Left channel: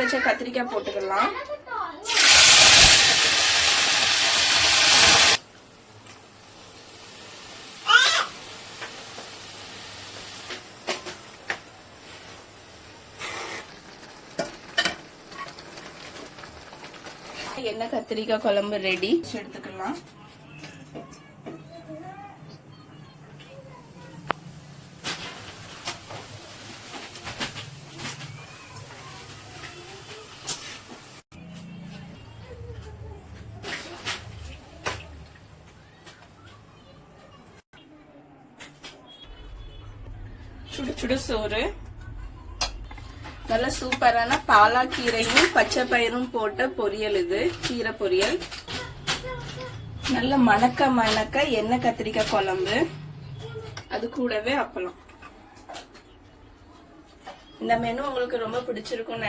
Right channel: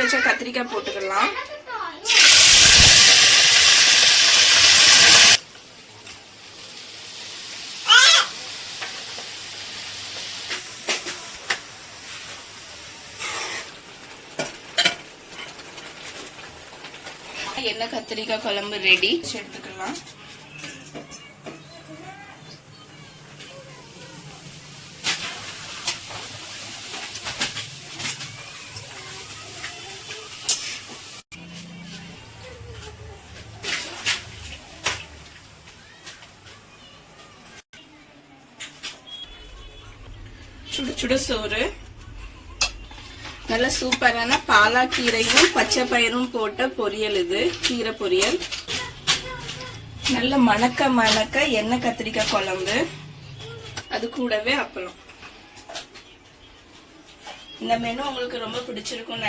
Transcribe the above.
வச்ச கத்திரிக்காய் போட்டுக்கலாம். எண்ணெய் கத்திரிக்காய் குழம்பு ரெடி. எடுத்துக்கலாம். சுட சுட சோறு, நல்ல சூப்பரான பாலாக்கீரையும் பச்சை பயிரும் போட்ட பொரியல். இது கீரை பொரியல். நல்ல மணக்க மணக்க எண்ணெய் கத்திரிக்காய் குழம்பு, அது கூடவே அப்பளம். இந்த மெனு உங்களுக்கு ரொம்ப பிடிச்சிருக்கும்னு நினைக்கிறேன்.